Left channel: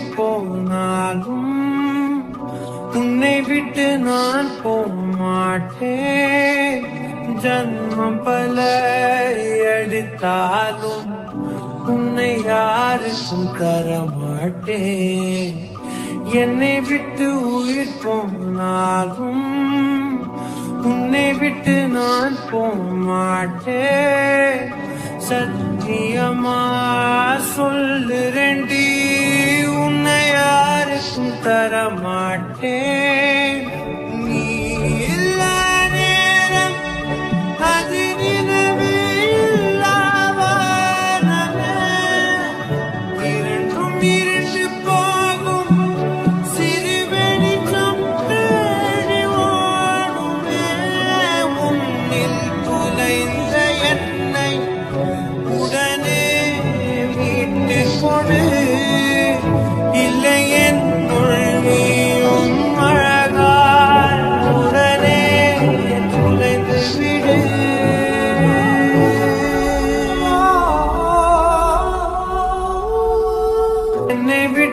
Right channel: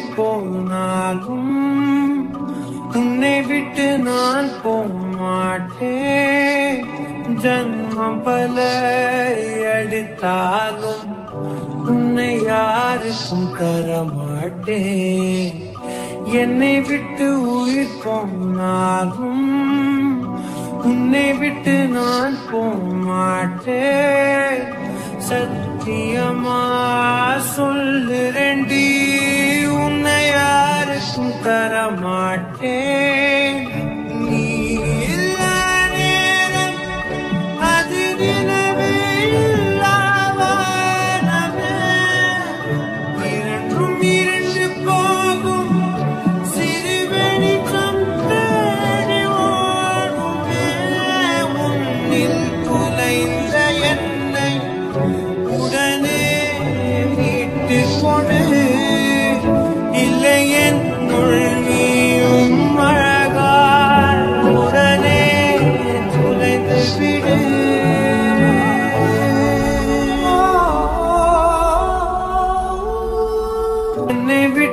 உயிர் போனாலும் உன்னை விட்டு நான் போமாட்டேன். ஜன்மம் பல அடித்தாலும் உன்னை யாருக்கும் தரமாட்டேன். என்னை விட்டு உயிர் போனாலும் உன்னை விட்டு நான் போமாட்டேன். சத்தியமா சொல்லுறேன்டி, உன்னை யாருக்கும் தரமாட்டேன். நீ இல்ல நேரம் அதிரினவே இல்லாவாரமே. இரண்டும் இரண்டு போகும் சிறு வெளிச்சம் தேடி ஓடுமே. உன்னில் துளைந்த என்னை உடனே மீட்டு கொடு. இல்லை என்னுள் நீயும் அழகாய் உடனே துளைந்து விடு. என்னை விட்டு